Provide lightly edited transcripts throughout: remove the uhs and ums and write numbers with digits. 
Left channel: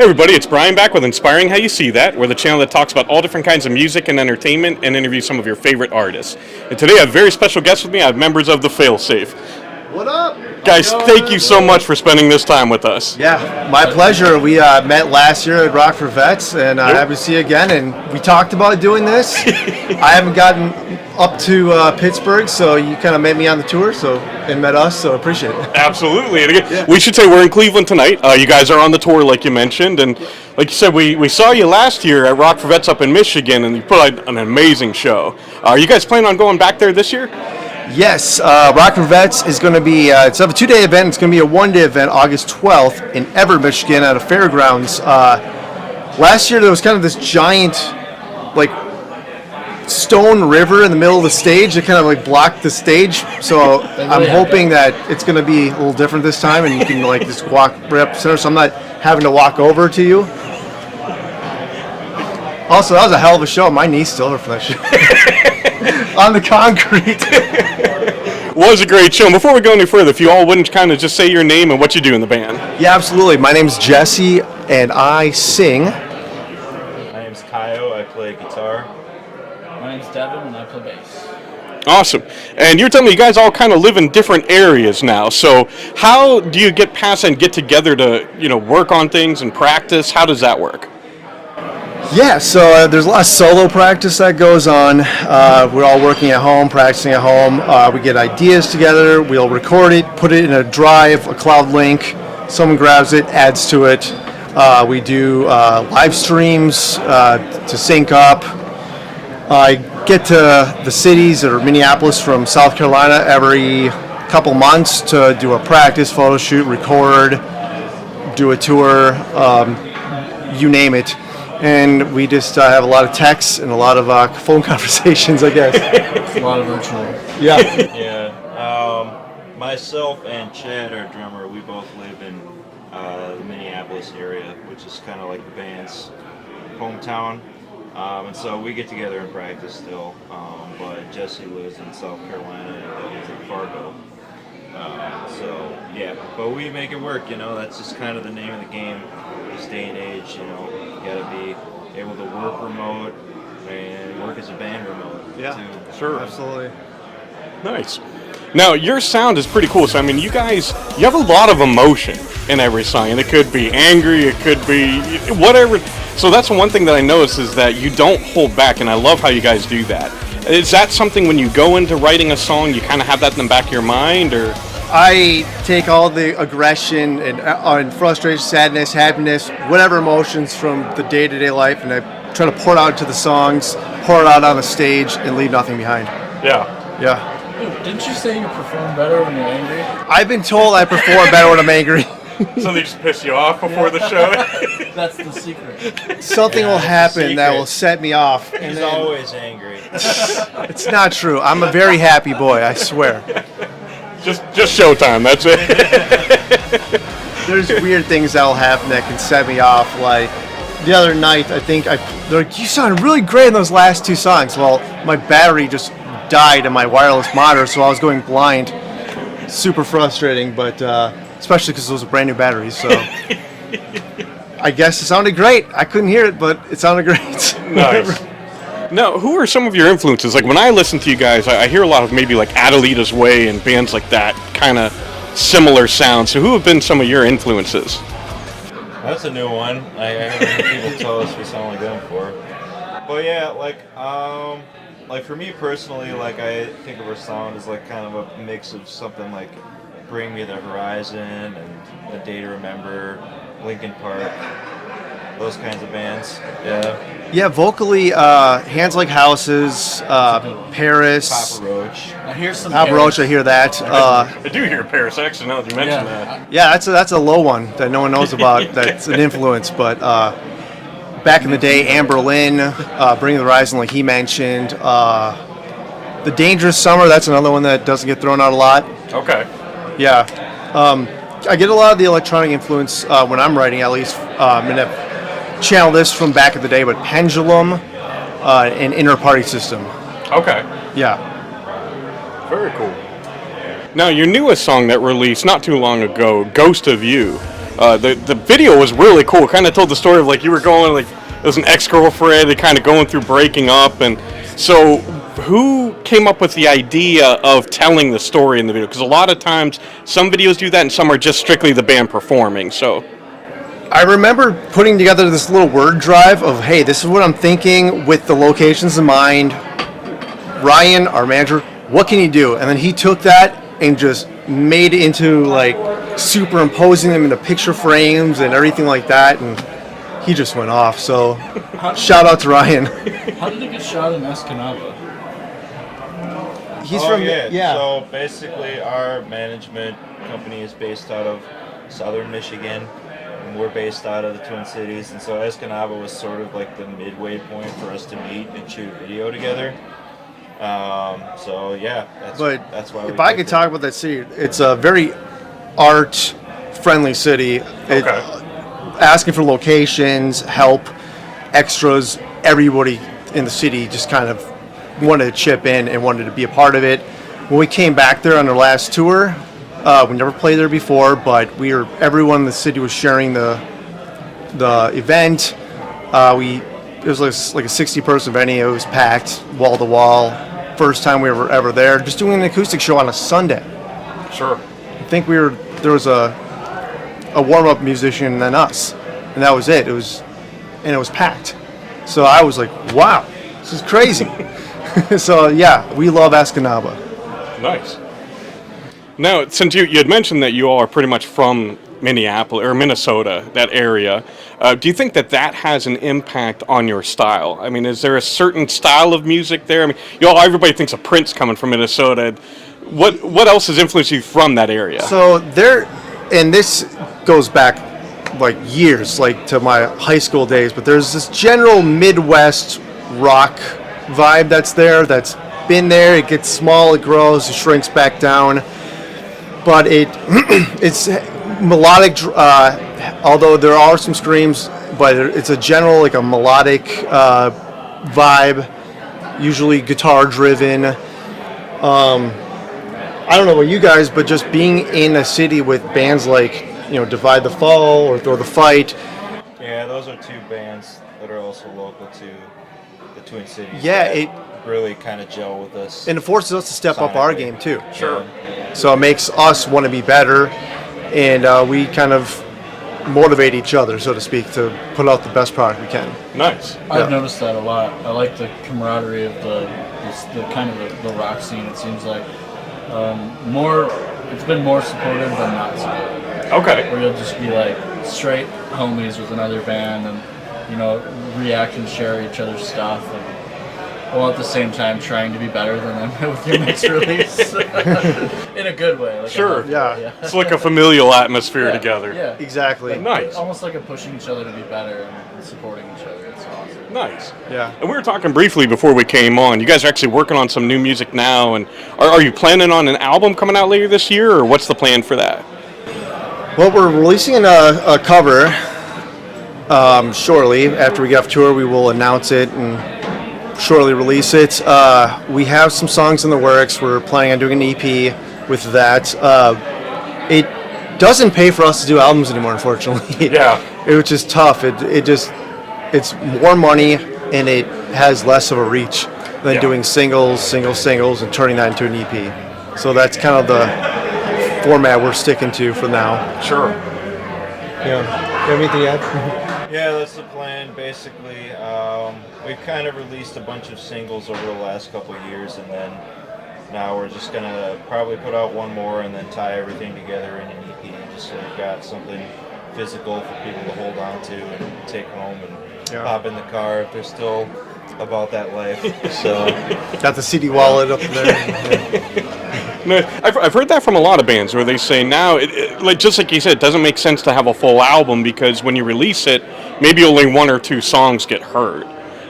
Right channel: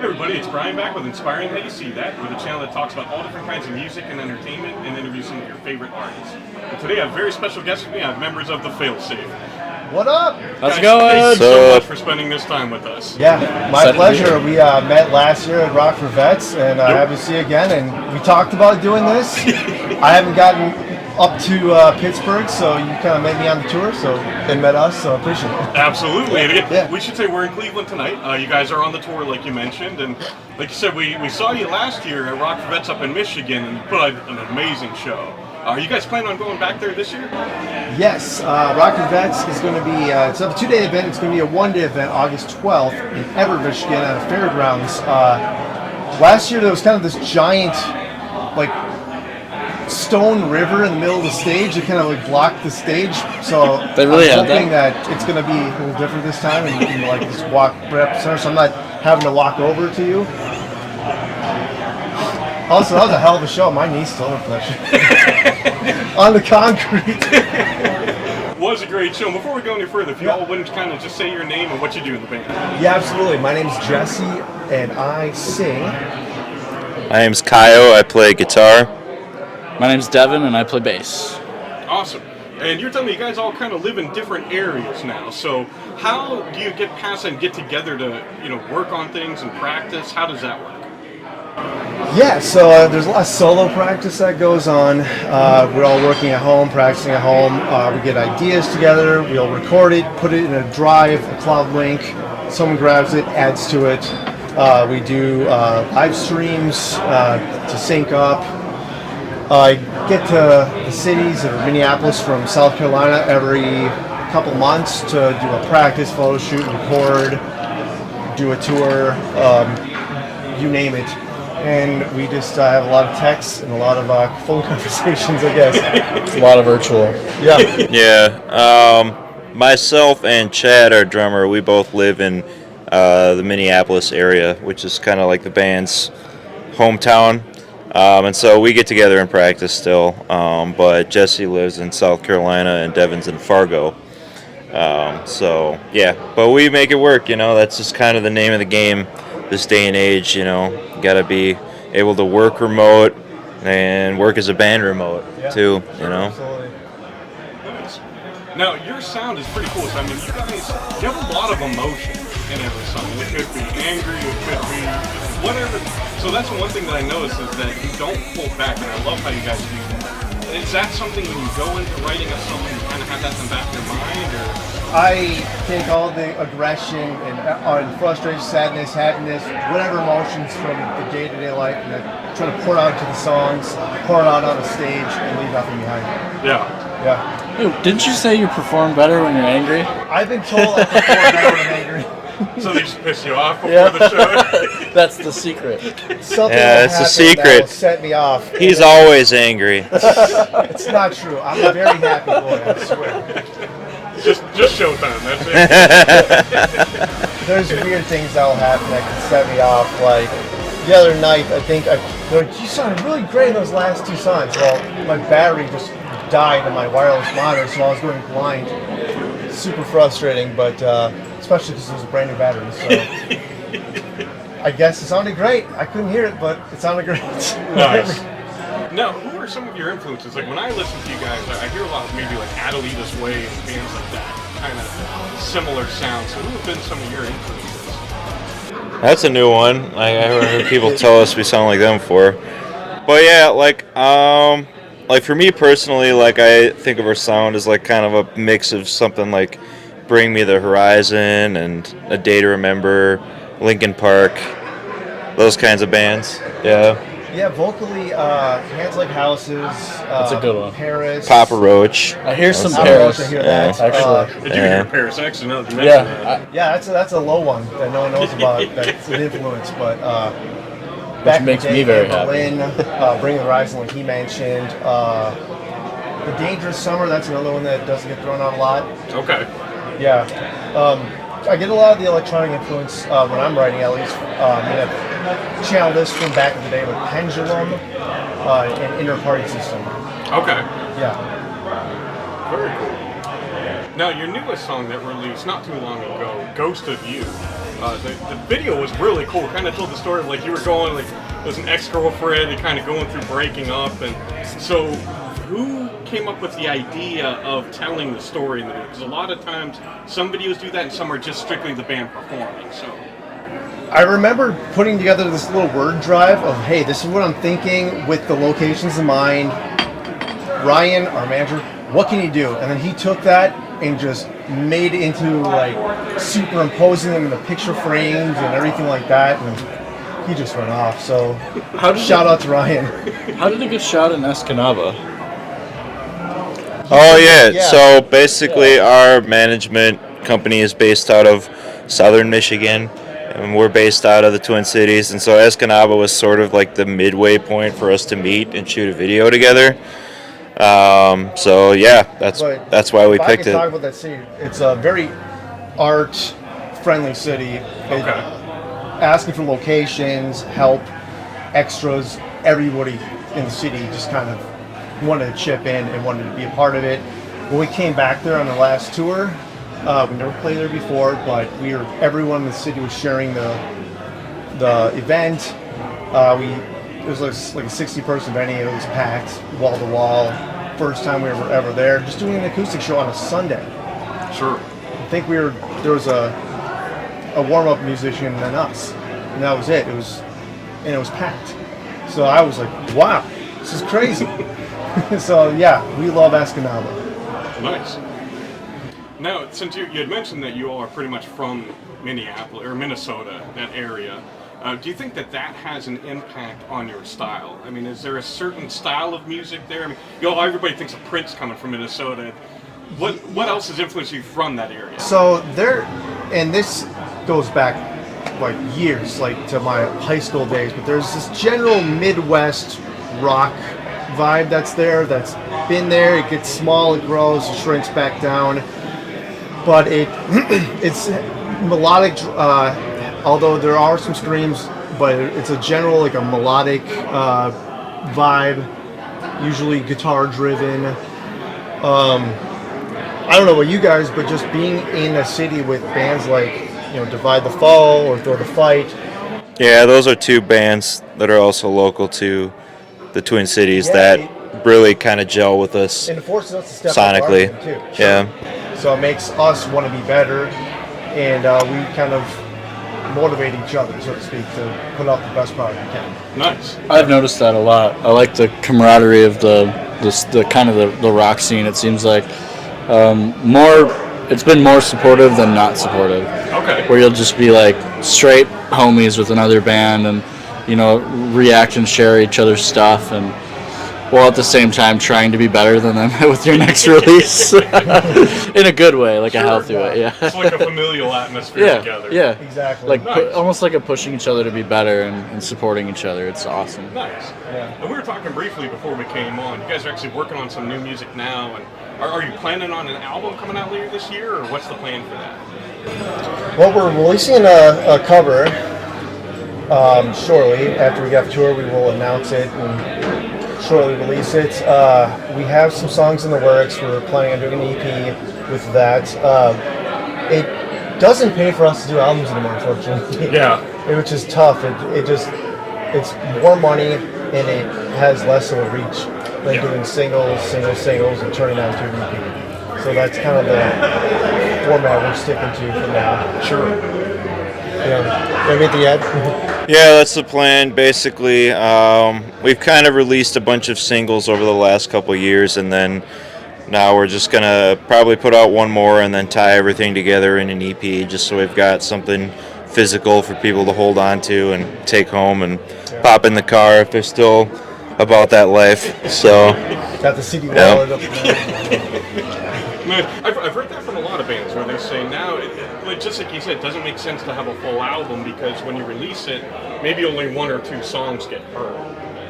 Hey everybody, it's Brian back with Inspiring How You See That. We're the channel that talks about all different kinds of music and entertainment and interviews some of your favorite artists. And today I have a very special guest with me. I have members of the Failsafe. What up? Guys, thank you so much for spending this time with us. Yeah, my pleasure. We met last year at Rock for Vets, and happy to see you again. And we talked about doing this. I haven't gotten up to Pittsburgh, so you kind of met me on the tour, so they met us, so I appreciate it. Absolutely. And again, we should say we're in Cleveland tonight. You guys are on the tour, like you mentioned, and like you said, we saw you last year at Rock for Vets up in Michigan, and you put out an amazing show. Are you guys planning on going back there this year? Yes, Rock for Vets is going to be, it's a 2-day event. It's going to be a 1-day event, August 12th in Everett, Michigan at a fairgrounds. Last year there was kind of this giant, like, stone river in the middle of the stage that kind of like blocked the stage. So I'm hoping that it's going to be a little different this time and you can like just walk right up the center so I'm not having to walk over to you. Also, that was a hell of a show. My knees still hurt from that shit. On the concrete. Was a great show. Before we go any further, if you all wouldn't kind of just say your name and what you do in the band. Yeah, absolutely. My name's Jesse and I sing. My name's Caio. I play guitar. My name's Deven, and I play bass. Awesome. And you're telling me you guys all kind of live in different areas now. So how do you get past and get together to, work on things and practice? How does that work? Yeah, so there's a lot of solo practice that goes on. We're all working at home, practicing at home. We get ideas together. We'll record it, put it in a drive, a cloud link. Someone grabs it, adds to it. We do live streams to sync up. I get to the cities or Minneapolis from South Carolina every couple months to do a practice photo shoot, record, do a tour, you name it. And we just have a lot of texts and a lot of phone conversations, I guess. It's a lot of virtual. Yeah. Yeah. Myself and Chad, our drummer, we both live in the Minneapolis area, which is kind of like the band's hometown. And so we get together and practice still, but Jesse lives in South Carolina and Devin's in Fargo. So, yeah, but we make it work, that's just kind of the name of the game this day and age, you got to be able to work remote and work as a band remote, too, Absolutely. Nice. Now, your sound is pretty cool. So, you have a lot of emotion in every song, and it could be angry, it could be whatever. So that's one thing that I noticed is that you don't hold back, and I love how you guys do that. Is that something when you go into writing a song, you kind of have that in the back of your mind, or? I take all the aggression and frustration, sadness, happiness, whatever emotions from the day-to-day life, and I try to pour it out into the songs, pour it out on the stage, and leave nothing behind. Yeah. Hey, didn't you say you perform better when you're angry? I've been told I perform better when I'm angry. So they just piss you off before the show? That's the secret. Something will happen that will set me off. He's always angry. It's not true. I'm a very happy boy, I swear. Just showtime, that's it. There's weird things that will happen that can set me off. Like the other night, they're like, you sounded really great in those last two songs. Well, my battery just died in my wireless monitor, so I was going blind. Super frustrating, but especially because those are brand new batteries. So I guess it sounded great. I couldn't hear it, but it sounded great. Nice. Now, who are some of your influences? Like when I listen to you guys, I hear a lot of maybe like Adelita's Way and bands like that, kind of similar sounds. So who have been some of your influences? That's a new one. I heard people tell us we sound like them before. But yeah, like for me personally, like I think of our sound as like kind of a mix of something like Bring Me the Horizon and A Day to Remember, Linkin Park, those kinds of bands. Yeah. Yeah, vocally, Hands Like Houses, a good one. Paris. Papa Roach. I hear some Papa Paris. Roach, I hear that. I do hear Paris, actually, now that you mention that. Yeah, that's a low one that no one knows about. That's an influence, but back in the day, Amber Lynn, Bring the Horizon, like he mentioned. The Dangerous Summer, that's another one that doesn't get thrown out a lot. Okay. Yeah. I get a lot of the electronic influence when I'm writing, at least. I'm going to channel this from back in the day, but Pendulum and Inner Party System. Okay. Yeah. Very cool. Now, your newest song that released not too long ago, Ghost of You, The video was really cool. Kind of told the story of like you were going like it was an ex-girlfriend and kind of going through breaking up, and so who came up with the idea of telling the story in the video? Because a lot of times some videos do that and some are just strictly the band performing. So I remember putting together this little word drive of, hey, this is what I'm thinking with the locations in mind. Ryan, our manager, what can you do? And then he took that and just made it into like superimposing them into picture frames and everything like that, and he just went off. So shout out to Ryan. How did it get shot in Escanaba? Oh yeah. So basically, our management company is based out of Southern Michigan, and we're based out of the Twin Cities. And so Escanaba was sort of like the midway point for us to meet and shoot a video together. So yeah, that's why we picked it. If I could it. talk about that city, it's a very art-friendly city. Asking for locations, help, extras, everybody in the city just kind of wanted to chip in and wanted to be a part of it. When we came back there on our last tour, we never played there before, but everyone in the city was sharing the event. It was like a 60-person venue. It was packed, wall to wall. First time we were ever there. Just doing an acoustic show on a Sunday. sure. I think there was a warm-up musician and then us, and that was it. It was packed. So I was like, wow, this is crazy. So yeah, we love Escanaba. Nice. Now, since you had mentioned that you all are pretty much from Minneapolis or Minnesota, that area, do you think that has an impact on your style? I mean, is there a certain style of music there? I mean, everybody thinks of Prince coming from Minnesota. What else has influenced you from that area? So and this goes back like years, like to my high school days, but there's this general Midwest rock vibe that's that's been there. It gets small, it grows, it shrinks back down, but it's melodic, although there are some screams, but it's a general like a melodic vibe, usually guitar driven. I don't know about you guys, but just being in a city with bands like, Divide the Foe or Throw the Fight. Yeah, those are two bands that are also local to the Twin Cities Yeah, that really kind of gel with us. And it forces us to step up our sonically. game too. Yeah. So it makes us want to be better, and we kind of motivate each other, so to speak, to put out the best product we can. Nice. I've noticed that a lot. I like the camaraderie of the kind of the rock scene. It seems like it's been more supportive than not supportive. Okay. Where you'll just be like straight homies with another band and, react and share each other's stuff, and while at the same time trying to be better than them with your next release. In a good way, like a healthy way. Yeah. It's like a familial atmosphere together. Yeah. Exactly. Like Nice. almost like a pushing each other to be better and supporting each other. It's awesome. Nice. Yeah. And we were talking briefly before we came on. You guys are actually working on some new music now, and are you planning on an album coming out later this year, or what's the plan for that? Well, we're releasing a cover shortly. After we get off tour, we will announce it and shortly release it. We have some songs in the works. We're planning on doing an EP with that. It doesn't pay for us to do albums anymore, unfortunately. Yeah. Which is tough. It's more money, and it has less of a reach than doing singles, and turning that into an EP. So that's kind of the format we're sticking to for now. Sure. Yeah. Anything to add? Yeah, that's the plan. Basically, we've kind of released a bunch of singles over the last couple of years, and then now we're just going to probably put out one more and then tie everything together in an EP, just so we've got something physical for people to hold on to and take home and pop in the car if they're still about that life. So Got the CD wallet up there. No, I've heard that from a lot of bands where they say now, like just like you said, it doesn't make sense to have a full album because when you release it, maybe only one or two songs get heard.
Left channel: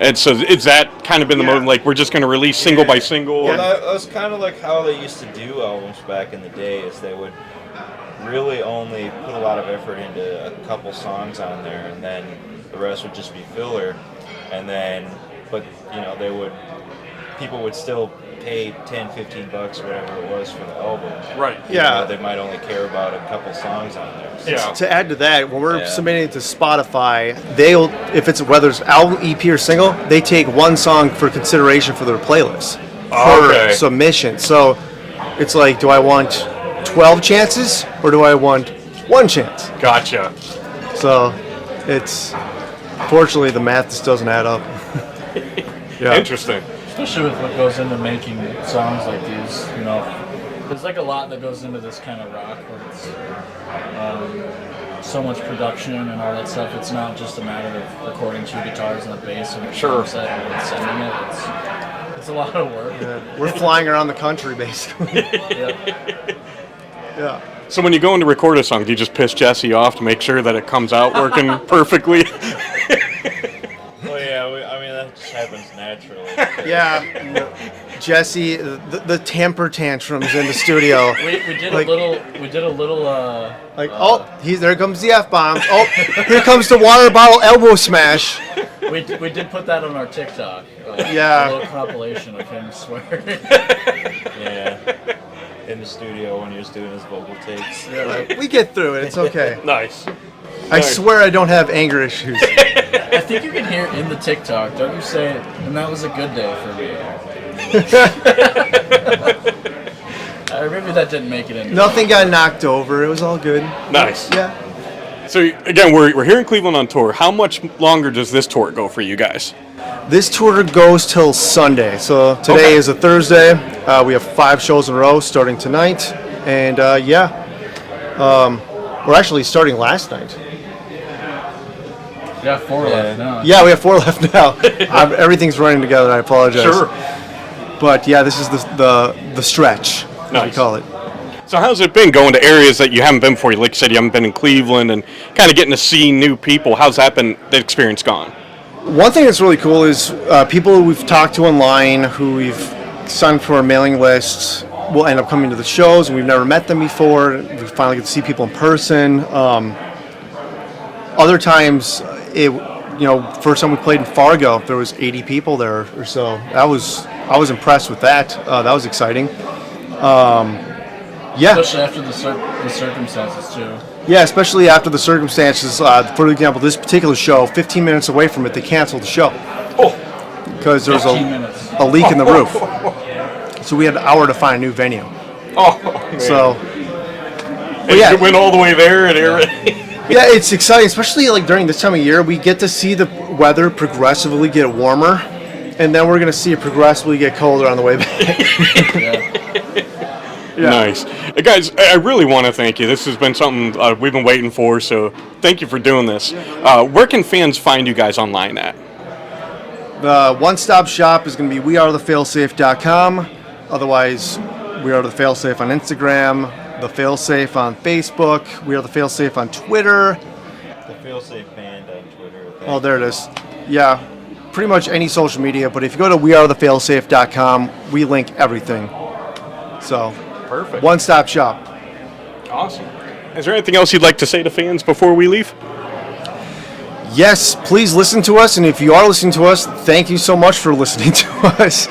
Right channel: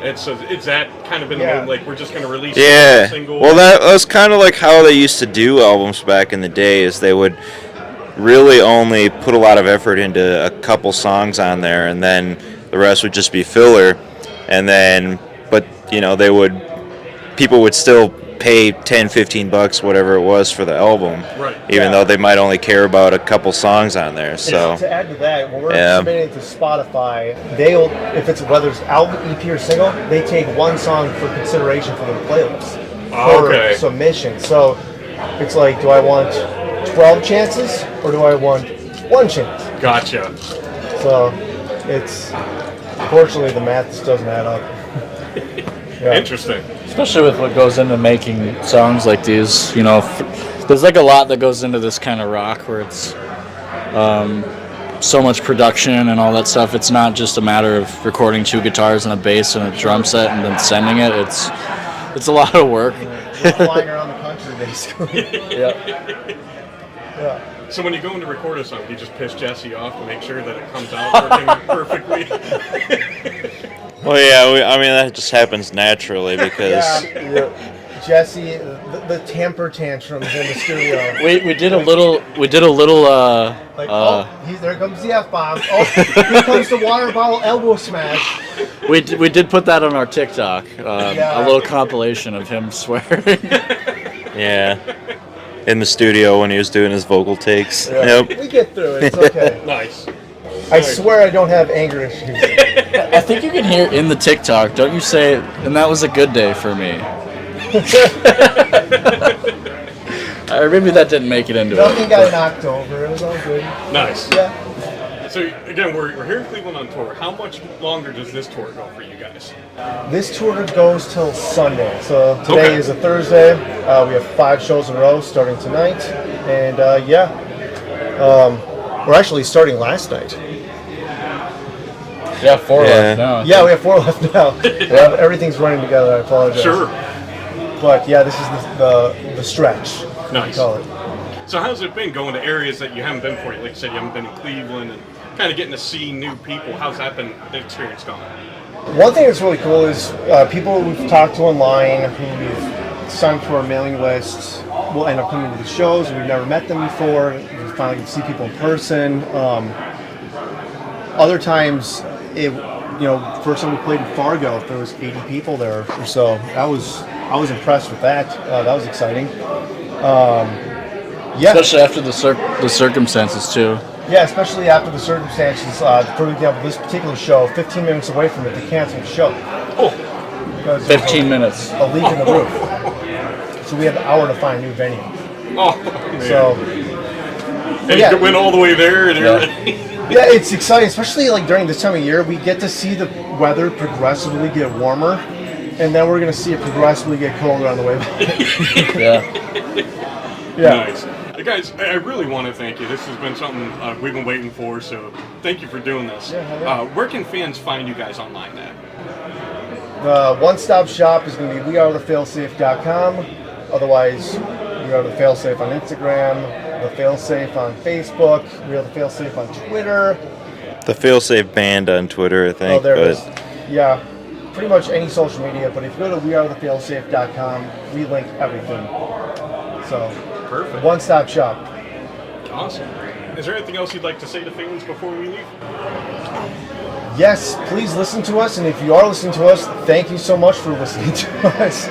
And so it's that kind of been the moment, like we're just going to release single by single. Well, that was kind of like how they used to do albums back in the day, is they would really only put a lot of effort into a couple songs on there, and then the rest would just be filler. And then, but people would still pay $10-15, whatever it was for the album, Right. even though they might only care about a couple songs on there. So To add to that, when we're submitting it to Spotify, they'll, if it's whether it's album, EP, or single, they take one song for consideration for their playlist per submission. So it's like, do I want 12 chances or do I want one chance? Gotcha. So it's, unfortunately, the math just doesn't add up. Interesting. Especially with what goes into making songs like these, you know, there's like a lot that goes into this kind of rock where it's so much production and all that stuff. It's not just a matter of recording 2 guitars and a bass and a drum set and then sending it. It's a lot of work. We're flying around the country, basically. Yeah. So when you go in to record a song, do you just piss Jesse off to make sure that it comes out working perfectly? well, yeah, I mean that just happens naturally because Jesse, the temper tantrums in the studio. We did a little. There comes the F-bomb. Oh, here comes the water bottle elbow smash. We did put that on our TikTok. A little compilation of him swearing. Yeah. In the studio when he was doing his vocal takes. Yep. We get through it. It's okay. Nice. I swear I don't have anger issues. I think you can hear in the TikTok, don't you say, and that was a good day for me. Or maybe that didn't make it into Nothing got knocked over. It was all good. Nice. Yeah. So again, we're here in Cleveland on tour. How much longer does this tour go for you guys? This tour goes till Sunday. So today is a Thursday. We have 5 shows in a row starting tonight. And we're actually starting last night. Yeah, 4 left now. Yeah, we have 4 left now. Everything's running together. I apologize. Sure. But yeah, this is the stretch, as we call it. So how's it been going to areas that you haven't been before? Like you said, you haven't been in Cleveland and kind of getting to see new people. How's that been, the experience gone? One thing that's really cool is people we've talked to online who we've signed up to our mailing lists will end up coming to the shows, and we've never met them before. We finally get to see people in person. Other times, first time we played in Fargo, there was 80 people there or so. I was impressed with that. That was exciting. Especially after the circumstances too. Yeah, especially after the circumstances. For example, this particular show, 15 minutes away from it, they canceled the show. Because there was 15 minutes. a leak in the roof. So we had an hour to find a new venue. So, and you went all the way there and everything. Yeah, it's exciting, especially like during this time of year. We get to see the weather progressively get warmer, and then we're going to see it progressively get colder on the way back. Nice. Guys, I really want to thank you. This has been something we've been waiting for, so thank you for doing this. Where can fans find you guys online at? The one-stop shop is going to be wearethefailsafe.com. Otherwise, We Are The Failsafe on Instagram, The Failsafe on Facebook, We Are The Failsafe on Twitter. The Failsafe band on Twitter, I think. Oh, there it is. Yeah, pretty much any social media, but if you go to wearethefailsafe.com, we link everything. So, Perfect. One-stop shop. Awesome. Is there anything else you'd like to say to fans before we leave? Yes, please listen to us, and if you are listening to us, thank you so much for listening to us.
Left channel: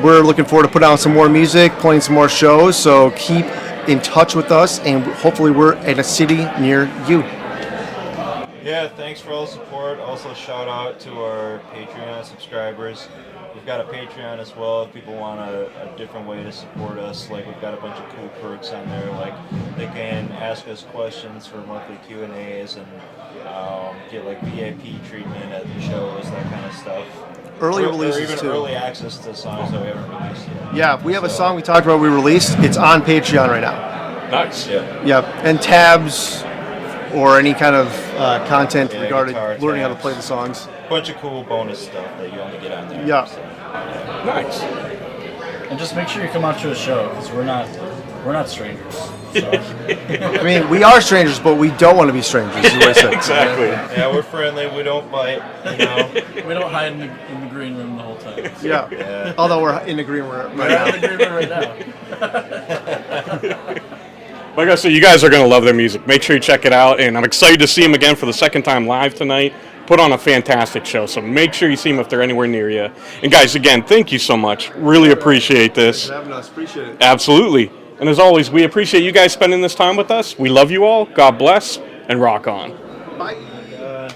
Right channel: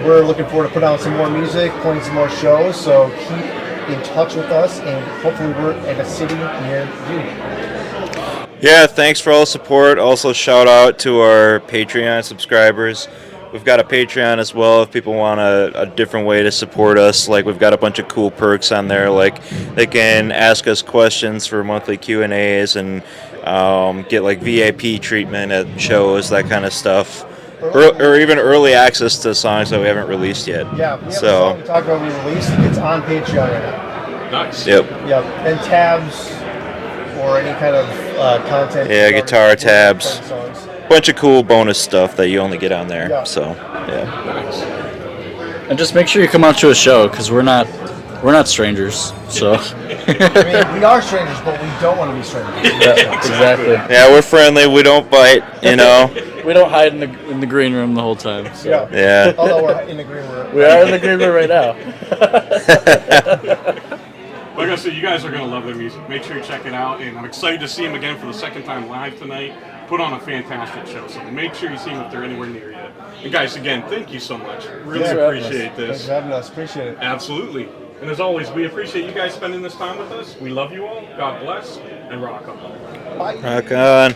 We're looking forward to putting out some more music, playing some more shows, so keep in touch with us, and hopefully we're at a city near you. Yeah, thanks for all the support. Also, shout out to our Patreon subscribers. We've got a Patreon as well if people want a different way to support us. Like, we've got a bunch of cool perks on there. Like, they can ask us questions for monthly Q&As and get, like, VIP treatment at shows, that kind of stuff. Or even early access to songs that we haven't released yet. Yeah, we have a song we talked about we released. It's on Patreon right now. Nice. Yep. Yep, and tabs or any kind of content. Yeah, guitar tabs. Play the songs. Bunch of cool bonus stuff that you only get on there. Yeah. So, yeah. Nice. And just make sure you come out to a show, because we're not strangers. So I mean, we are strangers, but we don't want to be strangers. exactly. Yeah, we're friendly. We don't bite, you know. We don't hide in the green room the whole time. So. Yeah. Yeah. Although we're in the green room. We are in the green room right now. Like I said, you guys are going to love their music. Make sure you check it out, and I'm excited to see them again for the second time live tonight. put on a fantastic show. So make sure you see them if they're anywhere near you. And guys, again, thank you so much. Really appreciate this. Thanks for having us. Appreciate it. Absolutely. And as always, we appreciate you guys spending this time with us. We love you all. God bless, and rock on. Rock on.